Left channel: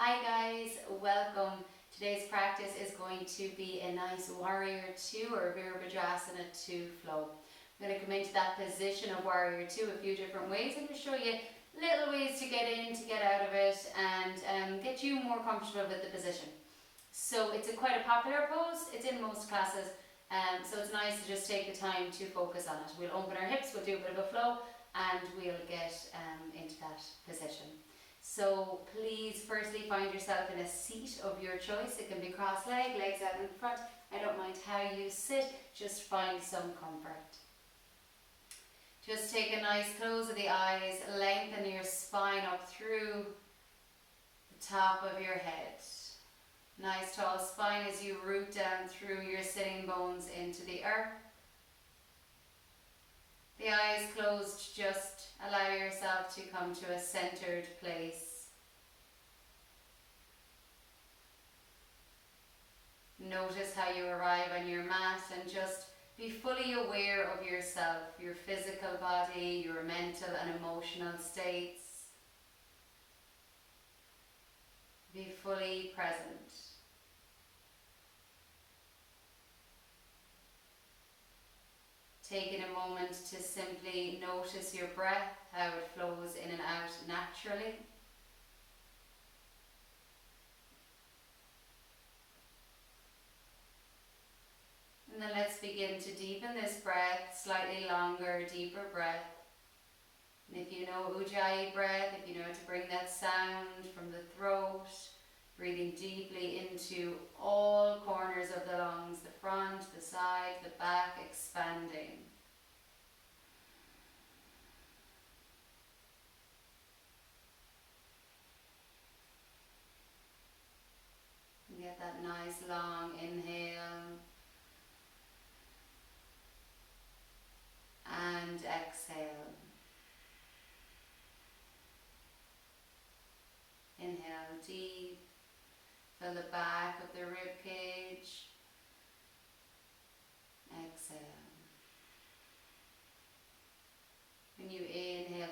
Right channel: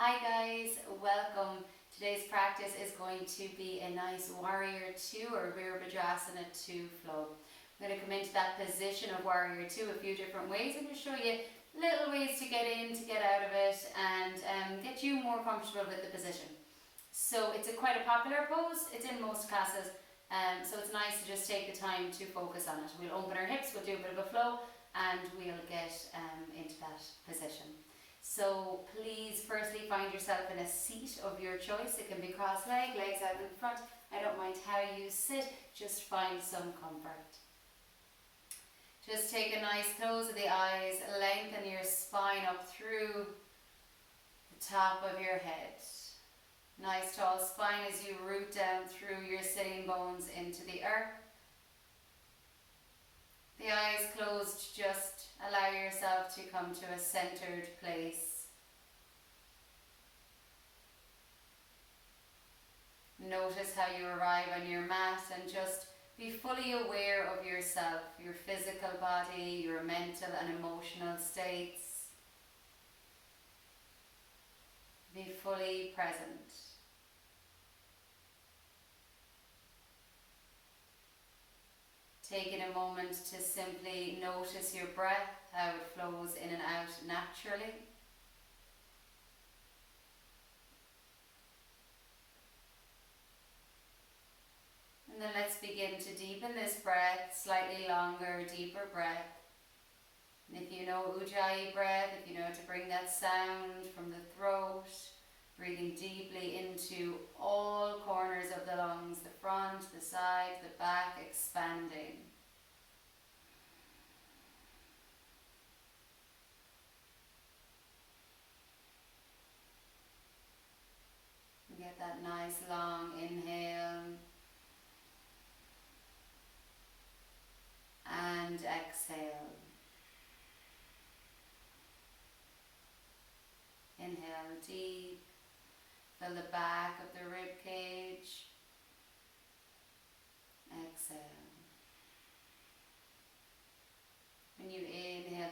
Hi guys, welcome. Today's practice is going to be a nice Warrior II or Virabhadrasana II flow. I'm going to come into that position of Warrior II a few different ways. I'm going to show you little ways to get in, to get out of it, and get you more comfortable with the position. So it's quite a popular pose, it's in most classes, so it's nice to just take the time to focus on it. We'll open our hips, we'll do a bit of a flow, and we'll get into that position. So please firstly find yourself in a seat of your choice. It can be cross-legged, legs out in front. I don't mind how you sit, just find some comfort. Just take a nice close of the eyes, lengthen your spine up through the top of your head. Nice tall spine as you root down through your sitting bones into the earth. The eyes closed, just allow yourself to come to a centered place. Notice how you arrive on your mat and just be fully aware of yourself, your physical body, your mental and emotional states. Be fully present. Taking a moment to simply notice your breath, how it flows in and out naturally. And then let's begin to deepen this breath, slightly longer, deeper breath. And if you know Ujjayi breath, if you know to bring that sound from the throat, breathing deeply into all corners of the lungs, the front, the side, the back, expanding. Get that nice long inhale and exhale. Inhale deep. Fill the back of the rib cage. Exhale. When you inhale,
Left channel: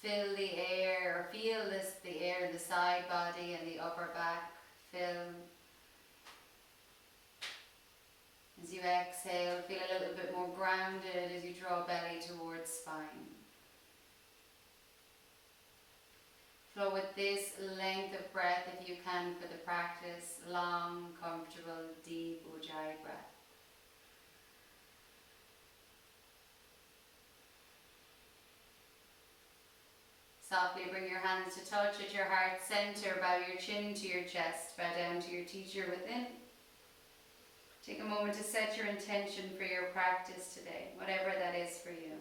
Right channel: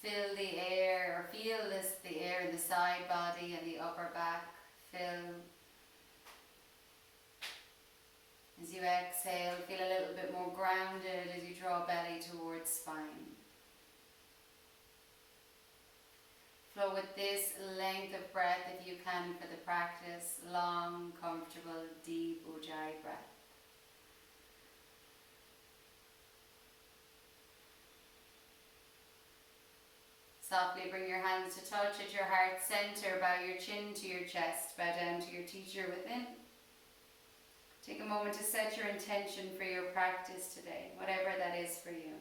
fill the air, or feel the air in the side body and the upper back fill. As you exhale, feel a little bit more grounded as you draw belly towards spine. Flow with this length of breath if you can for the practice. Long, comfortable, deep Ujjayi breath. Softly bring your hands to touch at your heart center. Bow your chin to your chest. Bow down to your teacher within. Take a moment to set your intention for your practice today, whatever that is for you.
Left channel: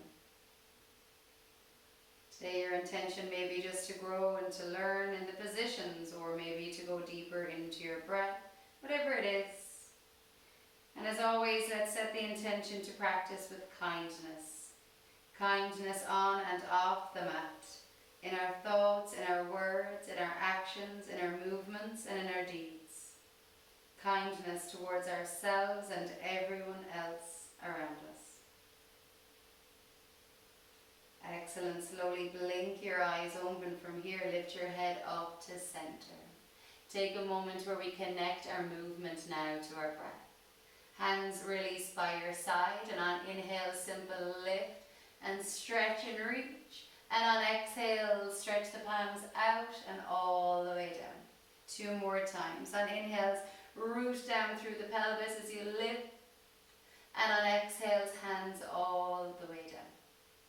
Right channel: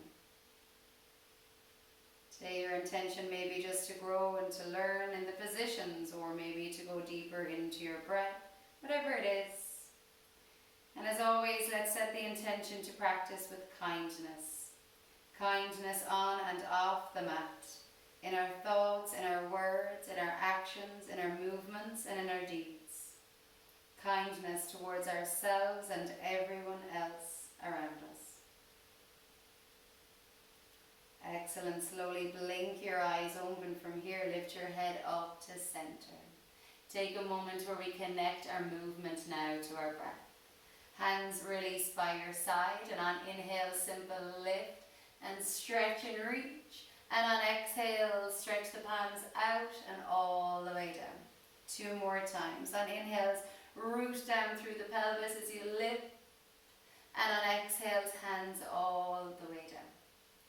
Today your intention may be just to grow and to learn in the positions, or maybe to go deeper into your breath, whatever it is. And as always, let's set the intention to practice with kindness. Kindness on and off the mat, in our thoughts, in our words, in our actions, in our movements, and in our deeds. Kindness towards ourselves and everyone else around us. Excellent. Slowly blink your eyes open from here. Lift your head up to center. Take a moment where we connect our movement now to our breath. Hands release by your side, and on inhale, simple lift and stretch and reach. And on exhale, stretch the palms out and all the way down. 2 more times. On inhales, root down through the pelvis as you lift. And on exhales, hands all the way down.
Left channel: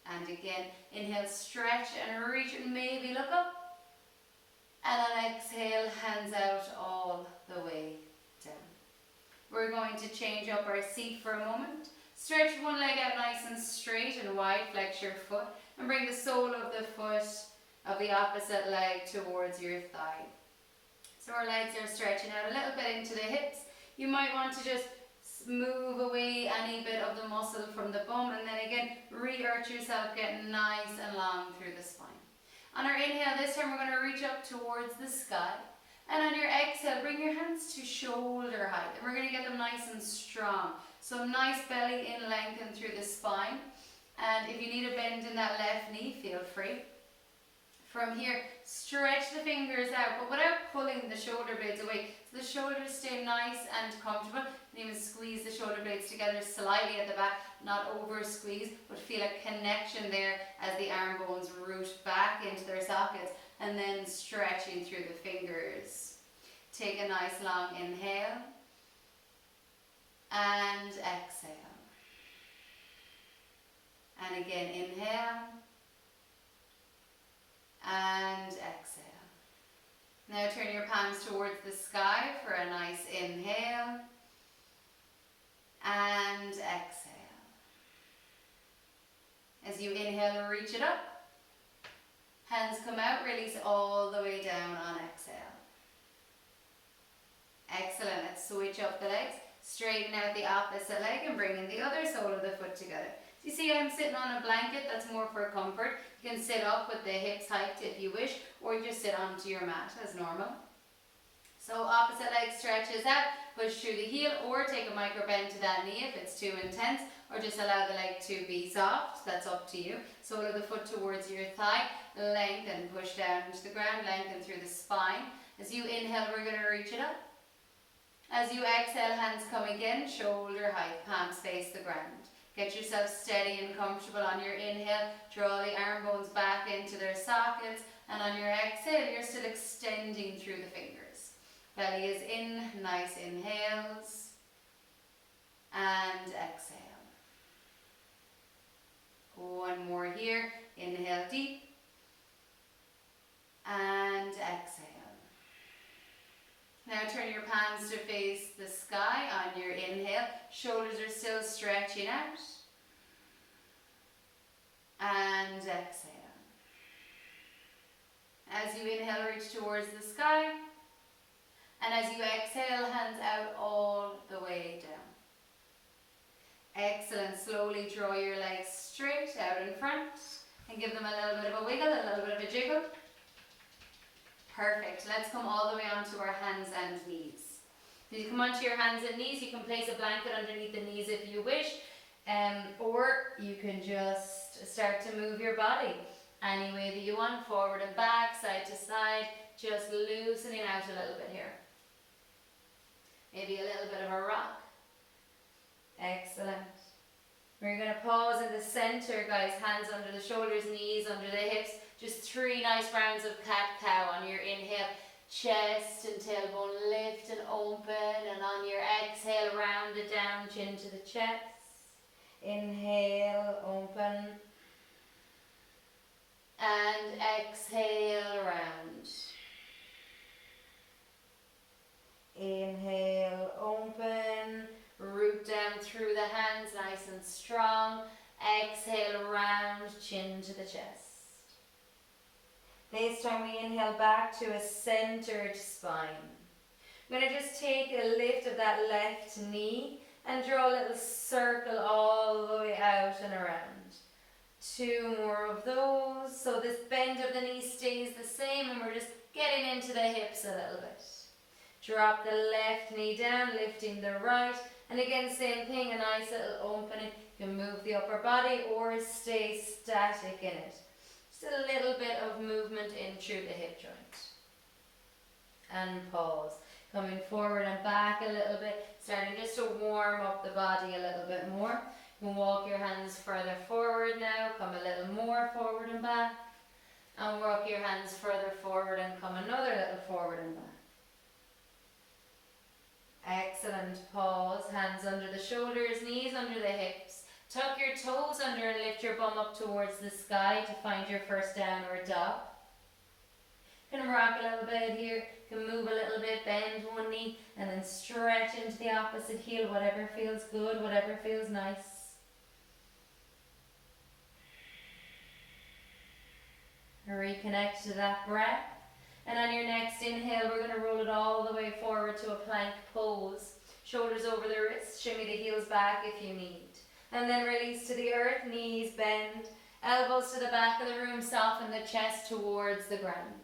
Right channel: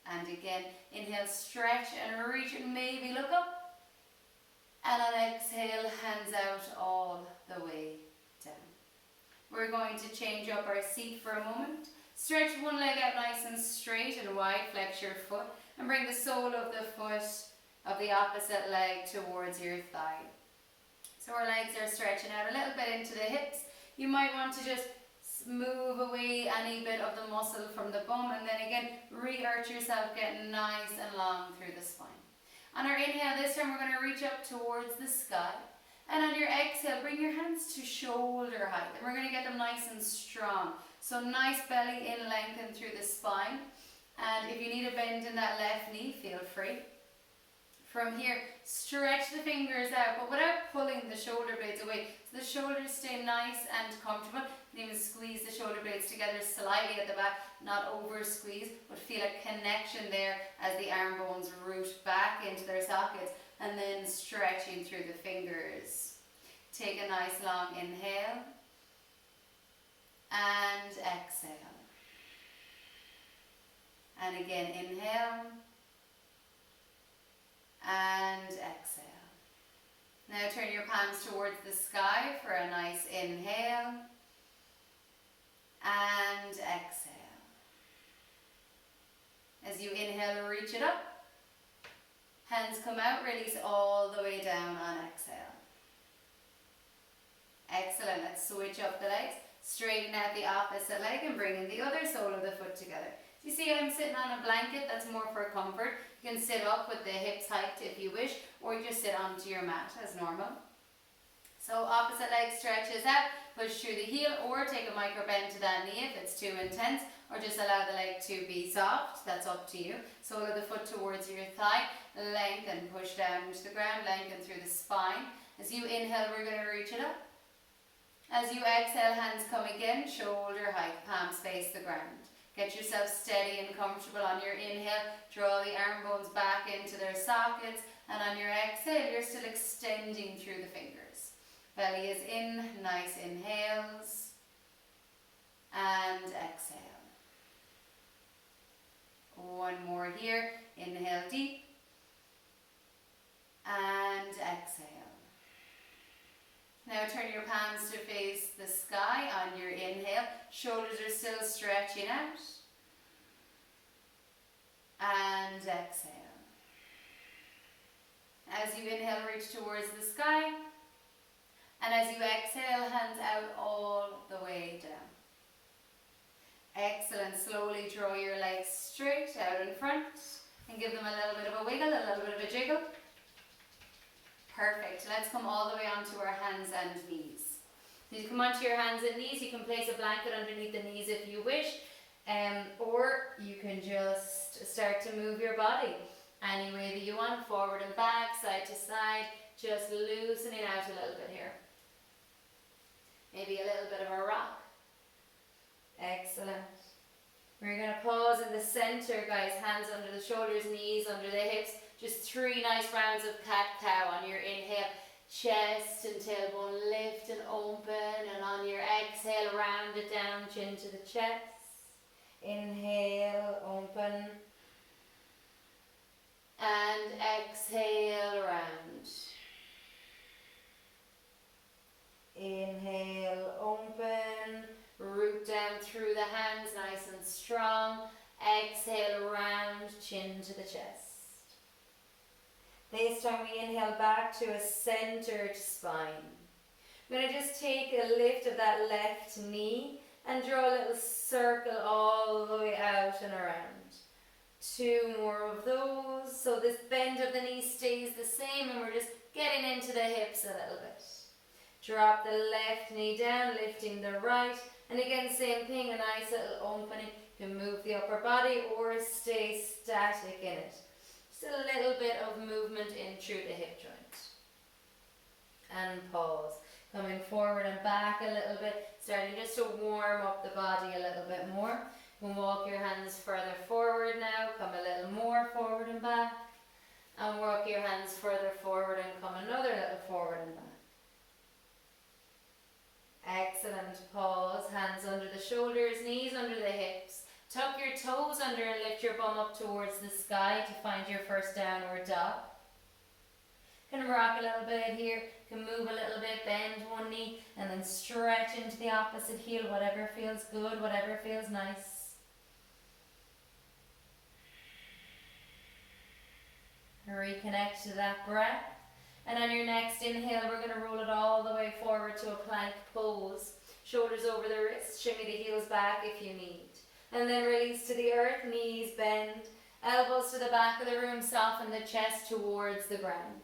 And again, inhale, stretch and reach and maybe look up. And on exhale, hands out all the way down. We're going to change up our seat for a moment. Stretch one leg out nice and straight and wide, flex your foot, and bring the sole of the foot of the opposite leg towards your thigh. So our legs are stretching out a little bit into the hips. You might want to just move away any bit of the muscle from the bum, and then again, re-arch yourself, get nice and long through the spine. On our inhale this time, we're going to reach up towards the sky. And on your exhale, bring your hands to shoulder height. And we're going to get them nice and strong. So nice belly in, lengthen through the spine. And if you need a bend in that left knee, feel free. From here, stretch the fingers out, but without pulling the shoulder blades away. So the shoulders stay nice and comfortable. You can even squeeze the shoulder blades together slightly at the back, not over squeeze, but feel a connection there as the arm bones root back into their sockets, and then stretching through the fingers. Take a nice long inhale and exhale. And again, inhale and exhale. Now turn your palms towards the sky for a nice inhale and exhale. As you inhale, reach it up. Hands come out, release all the way down on exhale. Excellent. Let's switch up the legs. Straighten out the opposite leg and bring in the other sole of the foot together. You see I'm sitting on a blanket, that's more for comfort. You can sit up with the hips hiked if you wish, or you just sit onto your mat as normal. So opposite leg stretches out, push through the heel, or take a micro bend to that knee if it's too intense, or just allow the leg to be soft, that's up to you. Sole of the foot towards your thigh, lengthen, push down into the ground, lengthen through the spine. As you inhale, we're going to reach it up. As you exhale, hands come again, shoulder height, palms face the ground. Get yourself steady and comfortable on your inhale. Draw the arm bones back into their sockets. And on your exhale, you're still extending through the fingers. Belly is in, nice inhales. And exhale. One more here. Inhale deep. And exhale. Now turn your palms to face the sky on your inhale. Shoulders are still stretching out. And exhale. As you inhale, reach towards the sky. And as you exhale, hands out all the way down. Excellent. Slowly draw your legs straight out in front and give them a little bit of a wiggle, a little bit of a jiggle. Perfect. Let's come all the way onto our hands and knees. As you come onto your hands and knees, you can place a blanket underneath the knees if you wish, or you can just start to move your body any way that you want, forward and back, side to side, just loosening out a little bit here. Maybe a little bit of a rock. Excellent. We're going to pause in the center, guys, hands under the shoulders, knees under the hips. Just 3 nice rounds of cat-cow on your inhale. Chest and tailbone lift and open, and on your exhale, round it down, chin to the chest. Inhale, open. And exhale, round. Inhale, open. Root down through the hands, nice and strong. Exhale, round, chin to the chest. This time we inhale back to a centered spine. I'm going to just take a lift of that left knee and draw a little circle all the way out and around. 2 more of those. So this bend of the knee stays the same, and we're just getting into the hips a little bit. Drop the left knee down, lifting the right. And again, same thing, a nice little opening. You can move the upper body or stay static in it. Just a little bit of movement in through the hip joint. And pause. Coming forward and back a little bit, starting just to warm up the body a little bit more. You can walk your hands further forward now, come a little more forward and back. And walk your hands further forward and come another little forward and back. Excellent. Pause. Hands under the shoulders, knees under the hips. Tuck your toes under and lift your bum up towards the sky to find your first downward dog. Can rock a little bit here. Can move a little bit, bend one knee, and then stretch into the opposite heel. Whatever feels good, whatever feels nice. Reconnect to that breath. And on your next inhale, we're going to roll it all the way forward to a plank pose. Shoulders over the wrists, shimmy the heels back if you need. And then release to the earth, knees bend, elbows to the back of the room, soften the chest towards the ground.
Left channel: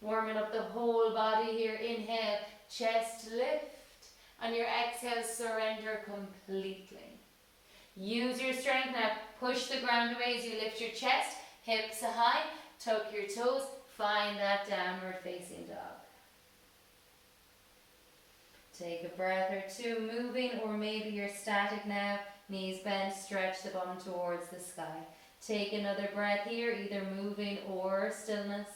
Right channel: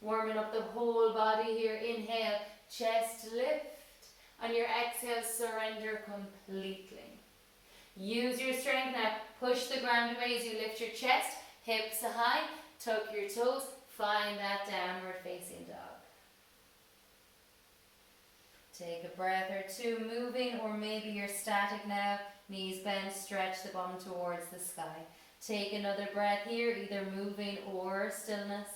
Warming up the whole body here. Inhale, chest lift. On your exhale, surrender completely. Use your strength now. Push the ground away as you lift your chest, hips high, tuck your toes. Find that downward facing dog. Take a breath or two, moving, or maybe you're static now. Knees bent, stretch the bum towards the sky. Take another breath here, either moving or stillness.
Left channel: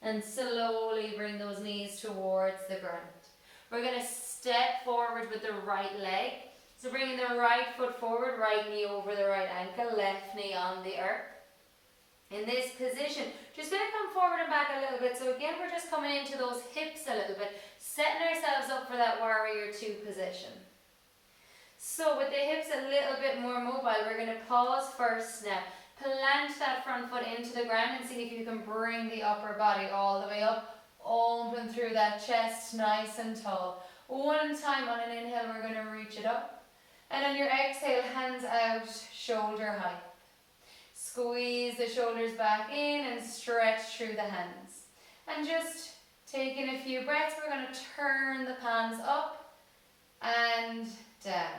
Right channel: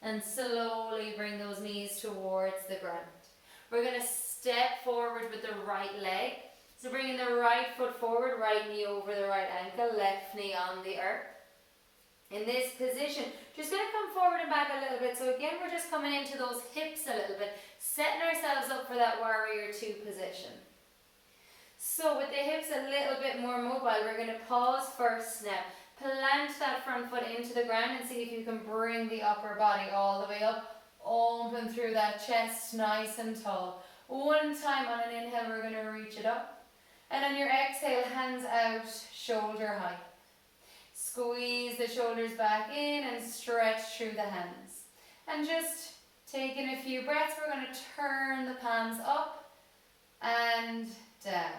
And slowly bring those knees towards the ground. We're going to step forward with the right leg. So bringing the right foot forward, right knee over the right ankle, left knee on the earth. In this position, just going to come forward and back a little bit. So again, we're just coming into those hips a little bit, setting ourselves up for that warrior two position. So with the hips a little bit more mobile, we're going to pause first now. Plant that front foot into the ground and see if you can bring the upper body all the way up. Open through that chest, nice and tall. One time on an inhale, we're going to reach it up. And on your exhale, hands out, shoulder height. Squeeze the shoulders back in and stretch through the hands. And just taking a few breaths, we're going to turn the palms up and down.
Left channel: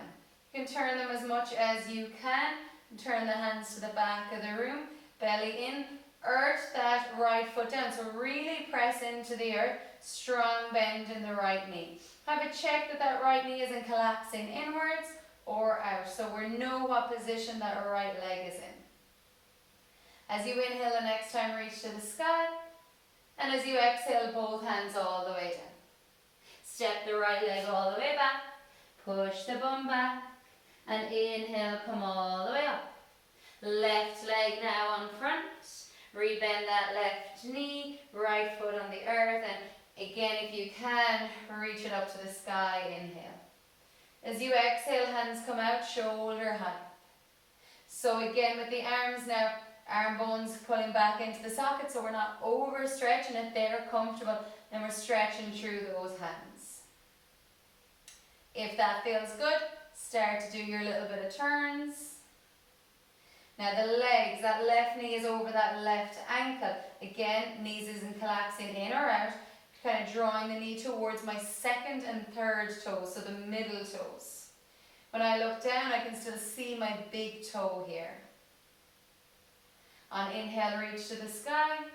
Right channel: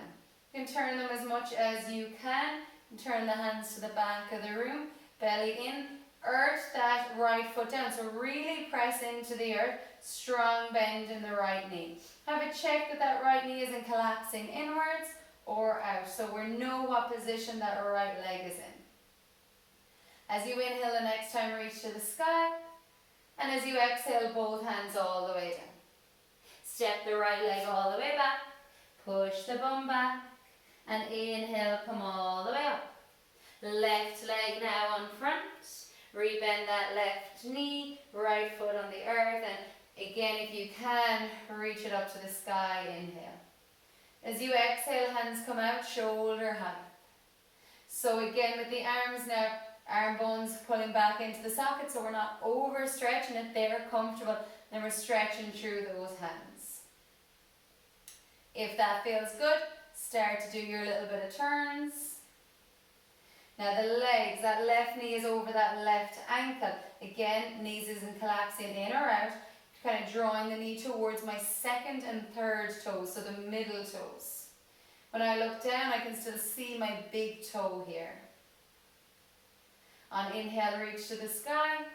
You can turn them as much as you can. Turn the hands to the back of the room, belly in. Earth that right foot down. So really press into the earth. Strong bend in the right knee. Have a check that that right knee isn't collapsing inwards or out. So we know what position that right leg is in. As you inhale the next time, reach to the sky. And as you exhale, both hands all the way down. Step the right leg all the way back. Push the bum back. And inhale, come all the way up. Left leg now on front. Rebend that left knee. Right foot on the earth. And again, if you can, reach it up to the sky. Inhale. As you exhale, hands come out, shoulder height. So again, with the arms now, arm bones pulling back into the socket, so we're not overstretching it. They're comfortable, and we're stretching through those hands. If that feels good, start to do your little bit of turns. Now the legs, that left knee is over that left ankle. Again, knees isn't collapsing in or out. Kind of drawing the knee towards my second and third toes, so the middle toes. When I look down, I can still see my big toe here. On inhale, reach to the sky.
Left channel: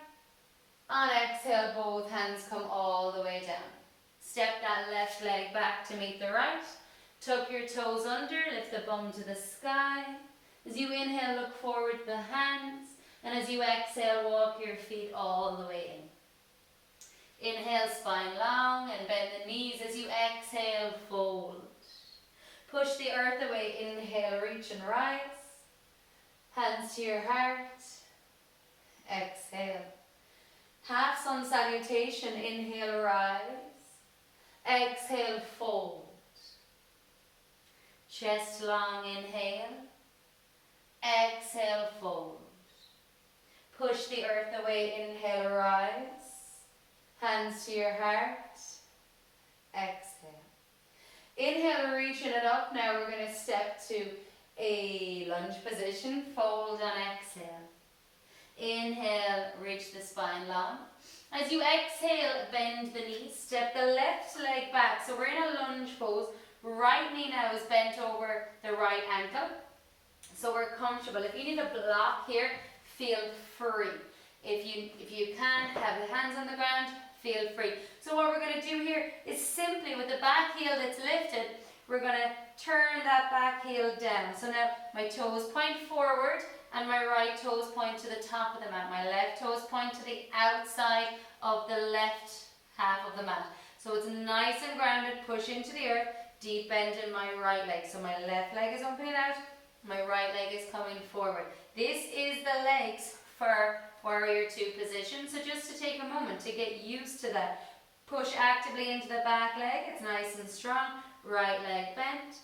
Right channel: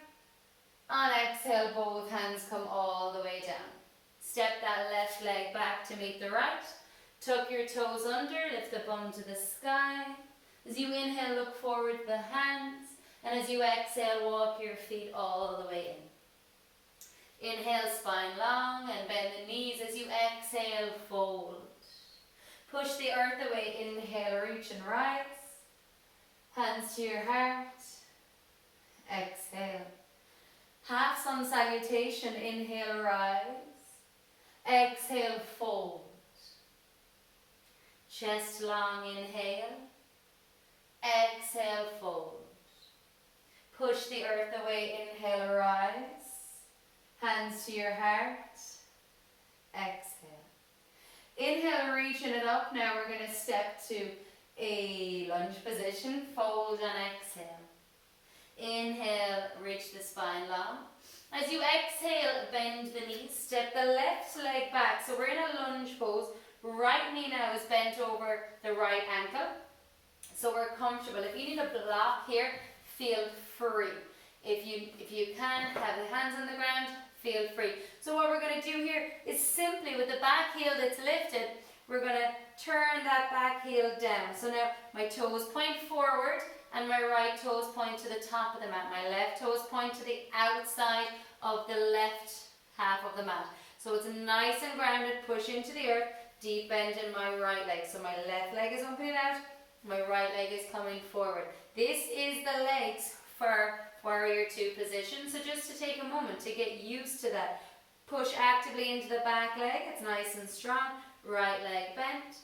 On exhale, both hands come all the way down. Step that left leg back to meet the right. Tuck your toes under, lift the bum to the sky. As you inhale, look forward with the hands. And as you exhale, walk your feet all the way in. Inhale, spine long and bend the knees. As you exhale, fold. Push the earth away. Inhale, reach and rise. Hands to your heart. Exhale. Half sun salutation. Inhale, rise. Exhale, fold. Chest long, inhale. Exhale, fold. Push the earth away. Inhale, rise. Hands to your heart. Exhale. Inhale, reaching it up. Now we're going to step to a lunge position. Fold and exhale. Inhale, reach the spine long. As you exhale, bend the knees. Step the left leg back. So we're in a lunge pose. Right knee now is bent over the right ankle. So we're comfortable. If you need a block here, feel free. If you can, have the hands on the ground, feel free. So what we're going to do here is simply with the back heel that's lifted, we're going to turn that back heel down. So now my toes point forward and my right toes point to the top of the mat. My left toes point to the outside of the left half of the mat. So it's nice and grounded, push into the earth, deep bend in my right leg. So my left leg is opening out, my right leg is coming forward. This is the legs for warrior two position. So just to take a moment to get used to that. Push actively into the back leg, it's nice and strong. Right leg bent.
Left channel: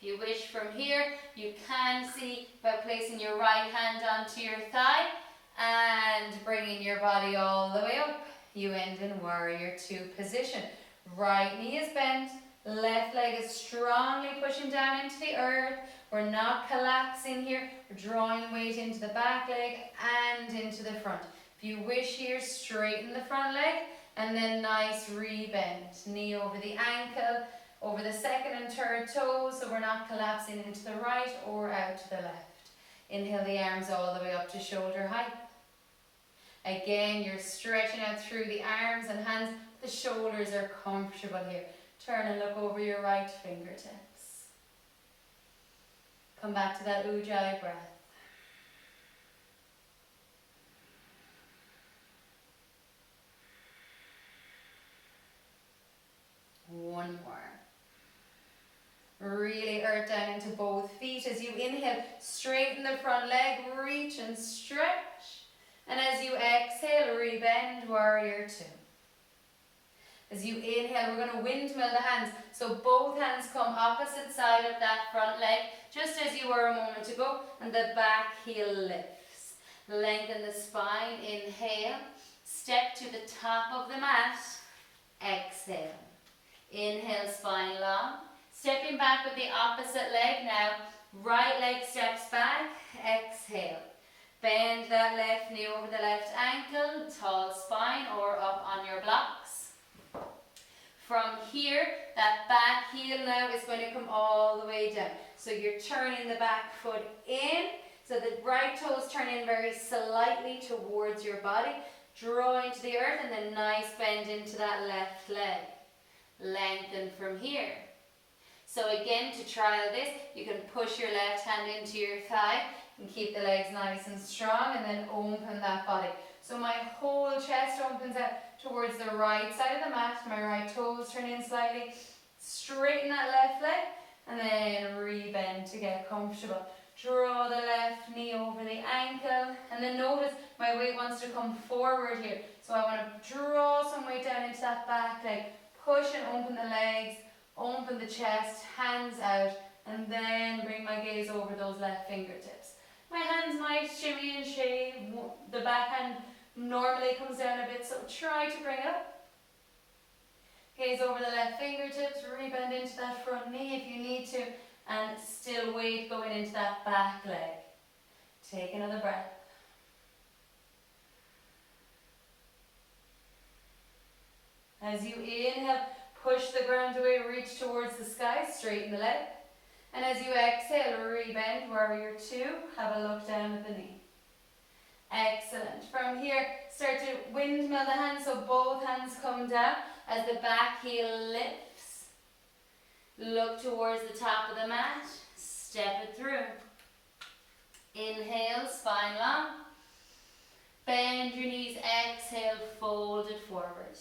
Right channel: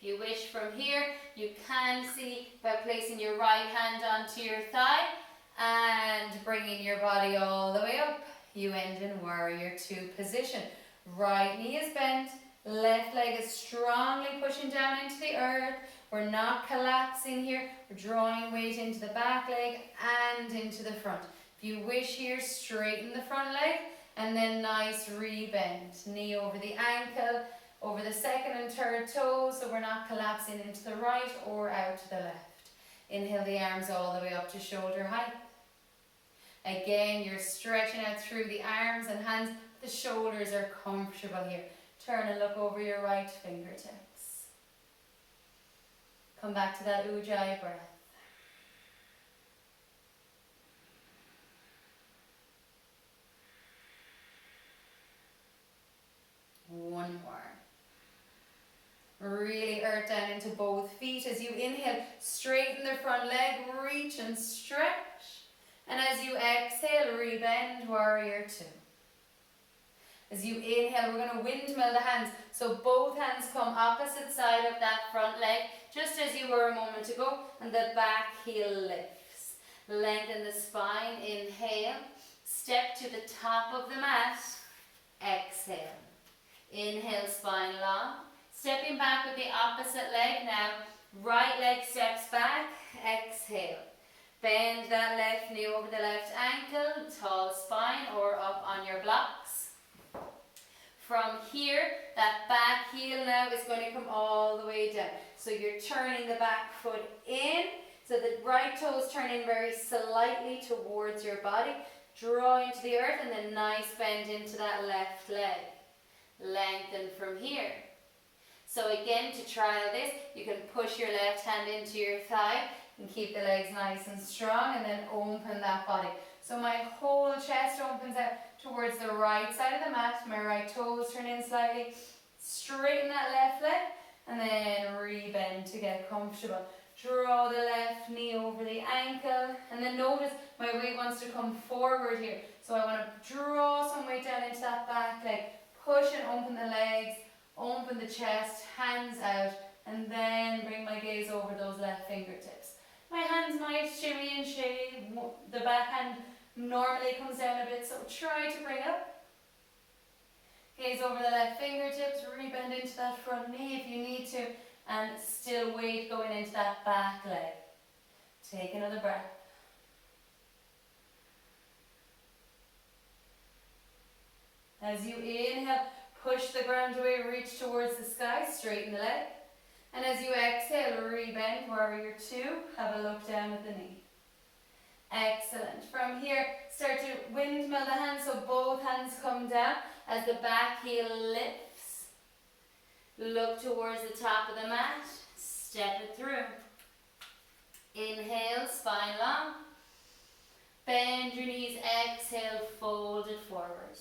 If you wish from here, you can see by placing your right hand onto your thigh and bringing your body all the way up. You end in warrior two position. Right knee is bent, left leg is strongly pushing down into the earth. We're not collapsing here. We're drawing weight into the back leg and into the front. If you wish here, straighten the front leg and then nice rebend. Knee over the ankle, over the second and third toes, so we're not collapsing into the right or out to the left. Inhale the arms all the way up to shoulder height. Again, you're stretching out through the arms and hands. The shoulders are comfortable here. Turn and look over your right fingertips. Come back to that Ujjayi breath. One more. Really earth down into both feet. As you inhale, straighten the front leg, reach and stretch. And as you exhale, rebend, warrior two. As you inhale, we're going to windmill the hands. So both hands come opposite side of that front leg, just as you were a moment ago, and the back heel lifts. Lengthen the spine, inhale. Step to the top of the mat, exhale. Inhale, spine long. Stepping back with the opposite leg now. Right leg steps back, exhale. Bend that left knee over the left ankle, tall spine or up on your blocks. From here, that back heel now is going to come all the way down. So you're turning the back foot in, so the right toes turn in very slightly towards your body. Draw into the earth and then nice bend into that left leg. Lengthen from here. So again, to trial this, you can push your left hand into your thigh and keep the legs nice and strong, and then open that body. So my whole chest opens out towards the right side of the mat. My right toes turn in slightly. Straighten that left leg and then rebend to get comfortable. Draw the left knee over the ankle, and then notice my weight wants to come forward here. So I want to draw some weight down into that back leg. Push and open the legs, open the chest, hands out, and then bring my gaze over those left fingertips. My hands might shimmy and shake. The back hand normally comes down a bit, so try to bring it up. Gaze over the left fingertips, rebend into that front knee if you need to, and still weight going into that back leg. Take another breath. As you inhale, push the ground away, reach towards the sky, straighten the leg. And as you exhale, rebend, warrior two, have a look down at the knee. Excellent. From here, start to windmill the hands, so both hands come down as the back heel lifts. Look towards the top of the mat, step it through. Inhale, spine long. Bend your knees, exhale, fold it forward.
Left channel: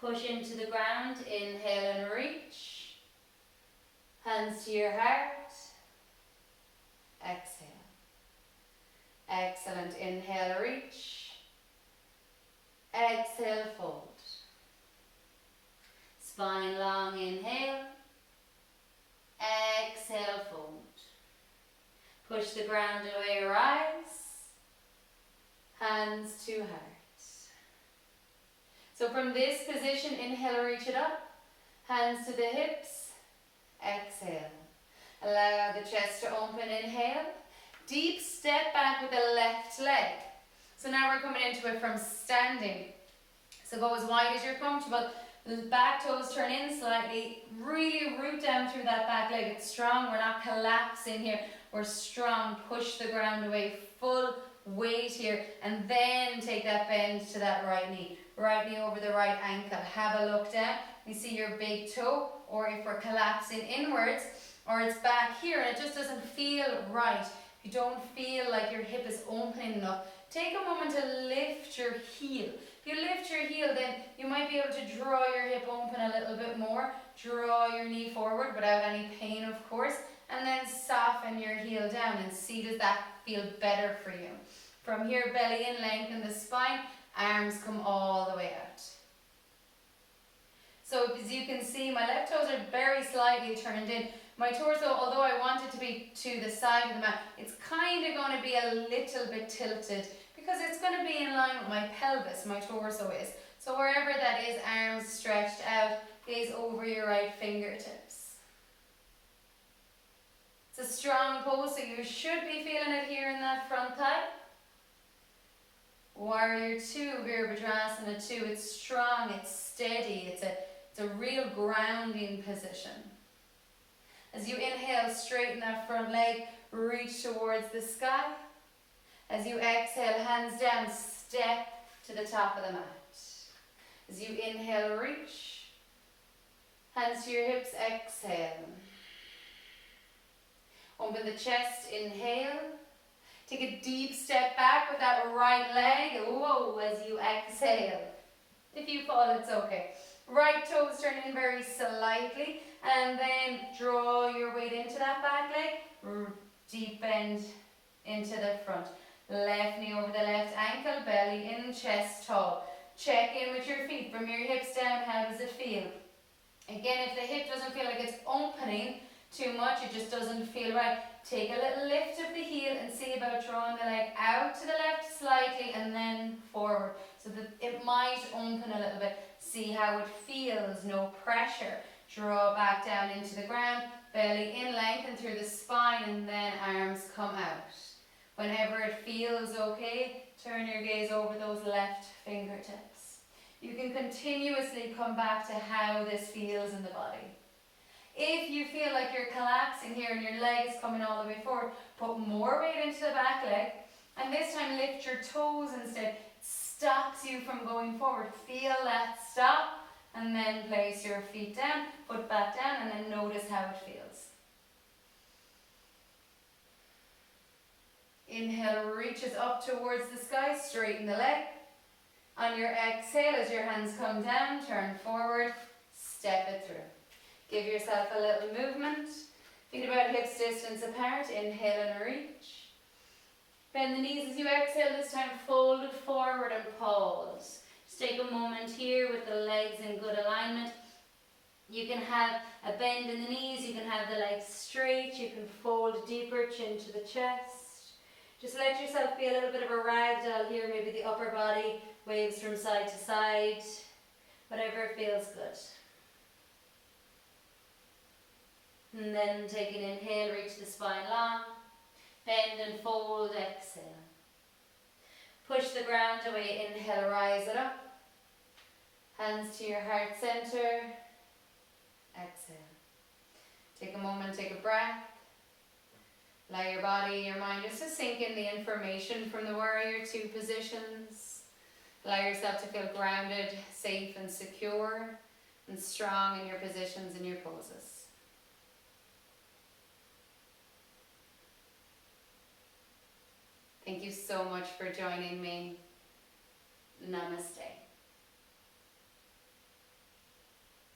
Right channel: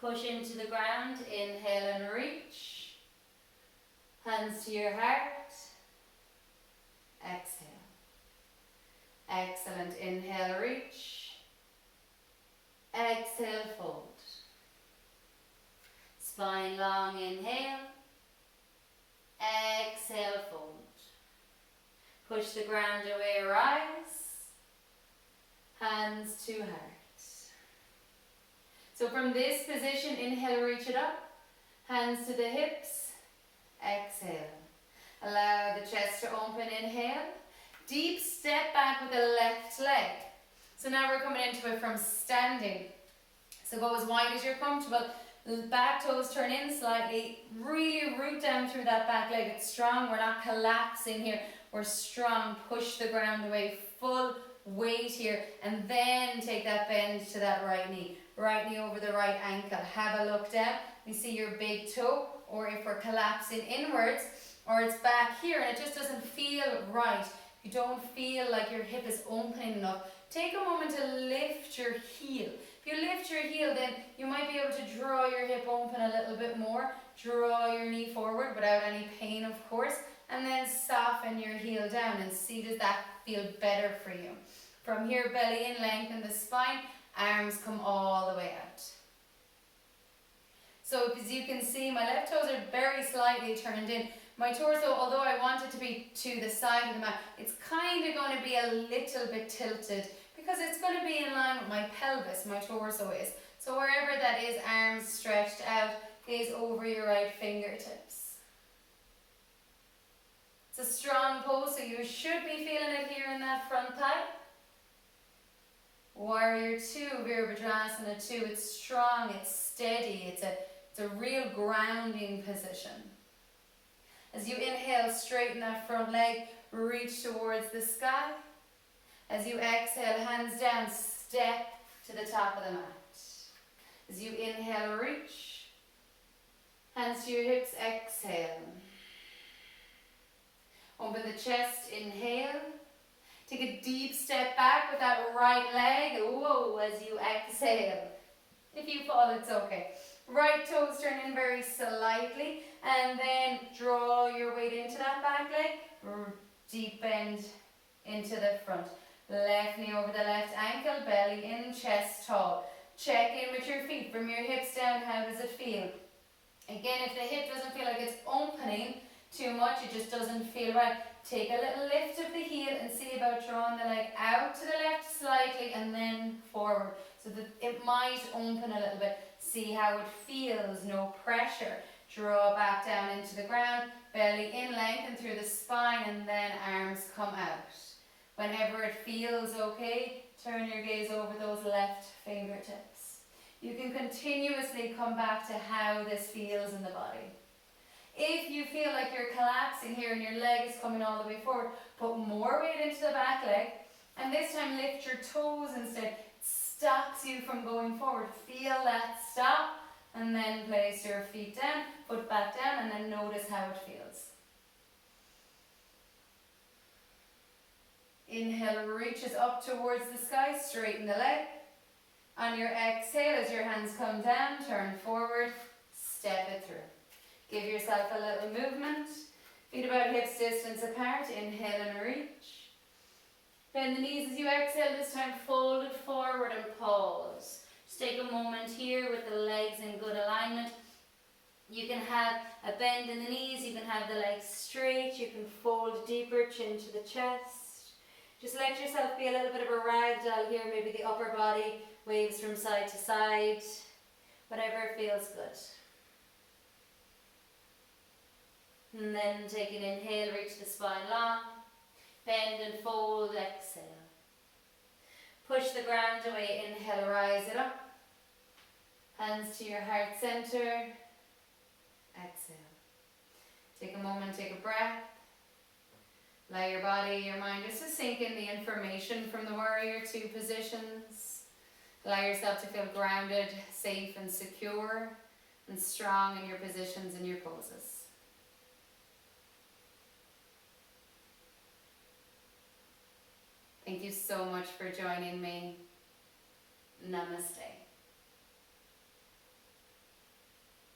Push into the ground, inhale and reach. Hands to your heart. Exhale. Excellent. Inhale, reach. Exhale, fold. Spine long, inhale. Exhale, fold. Push the ground away, rise. Hands to heart. So from this position, inhale, reach it up. Hands to the hips. Exhale. Allow the chest to open, inhale. Deep step back with the left leg. So now we're coming into it from standing. So go as wide as you're comfortable. The back toes turn in slightly. Really root down through that back leg. It's strong. We're not collapsing here. We're strong. Push the ground away. Full weight here. And then take that bend to that right knee. Right knee over the right ankle. Have a look down. You see your big toe, or if we're collapsing inwards, or it's back here and it just doesn't feel right. You don't feel like your hip is opening enough. Take a moment to lift your heel. If you lift your heel, then you might be able to draw your hip open a little bit more. Draw your knee forward without any pain, of course. And then soften your heel down and see, does that feel better for you? From here, belly in, lengthen the spine. Arms come all the way out. So as you can see, my left toes are very slightly turned in. My torso, although I want it to be to the side of the mat, it's kind of going to be a little bit tilted because it's going to be in line with my pelvis, my torso is. So wherever that is, arms stretched out, gaze over your right fingertips. It's a strong pose, so you should be feeling it here in that front thigh. Warrior two, Virabhadrasana II. It's strong, it's steady, it's a real grounding position. As you inhale, straighten that front leg, reach towards the sky. As you exhale, hands down, step to the top of the mat. As you inhale, reach. Hands to your hips, exhale. Open the chest, inhale. Take a deep step back with that right leg. Whoa, as you exhale. If you fall, it's okay. Right toes turn in very slightly, and then draw your weight into that back leg. Deep bend into the front. Left knee over the left ankle, belly in, chest tall. Check in with your feet from your hips down. How does it feel? Again, if the hip doesn't feel like it's opening too much, it just doesn't feel right, take a little lift of the heel and see about drawing the leg out to the left slightly and then forward, so that it might open a little bit. See how it feels, no pressure. Draw back down into the ground, belly in, lengthen through the spine, and then arms come out. Whenever it feels okay, turn your gaze over those left fingertips. You can continuously come back to how this feels in the body. If you feel like you're collapsing here and your leg is coming all the way forward, put more weight into the back leg, and this time lift your toes instead. It stops you from going forward. Feel that stop, and then place your feet down, foot back down, and then notice how it feels. Inhale, reaches up towards the sky, straighten the leg. On your exhale, as your hands come down, turn forward, step it through. Give yourself a little movement. Feet about hips distance apart. Inhale and reach. Bend the knees as you exhale, this time fold it forward and pause. Just take a moment here with the legs in good alignment. You can have a bend in the knees, you can have the legs straight, you can fold deeper, chin to the chest. Just let yourself be a little bit of a ragdoll here, maybe the upper body waves from side to side, whatever feels good. And then take an inhale, reach the spine long, bend and fold, exhale. Push the ground away, inhale, rise it up. Hands to your heart center, exhale. Take a moment, take a breath. Allow your body, your mind just to sink in the information from the warrior two positions. Allow yourself to feel grounded, safe and secure, and strong in your positions and your poses. Thank you so much for joining me. Namaste.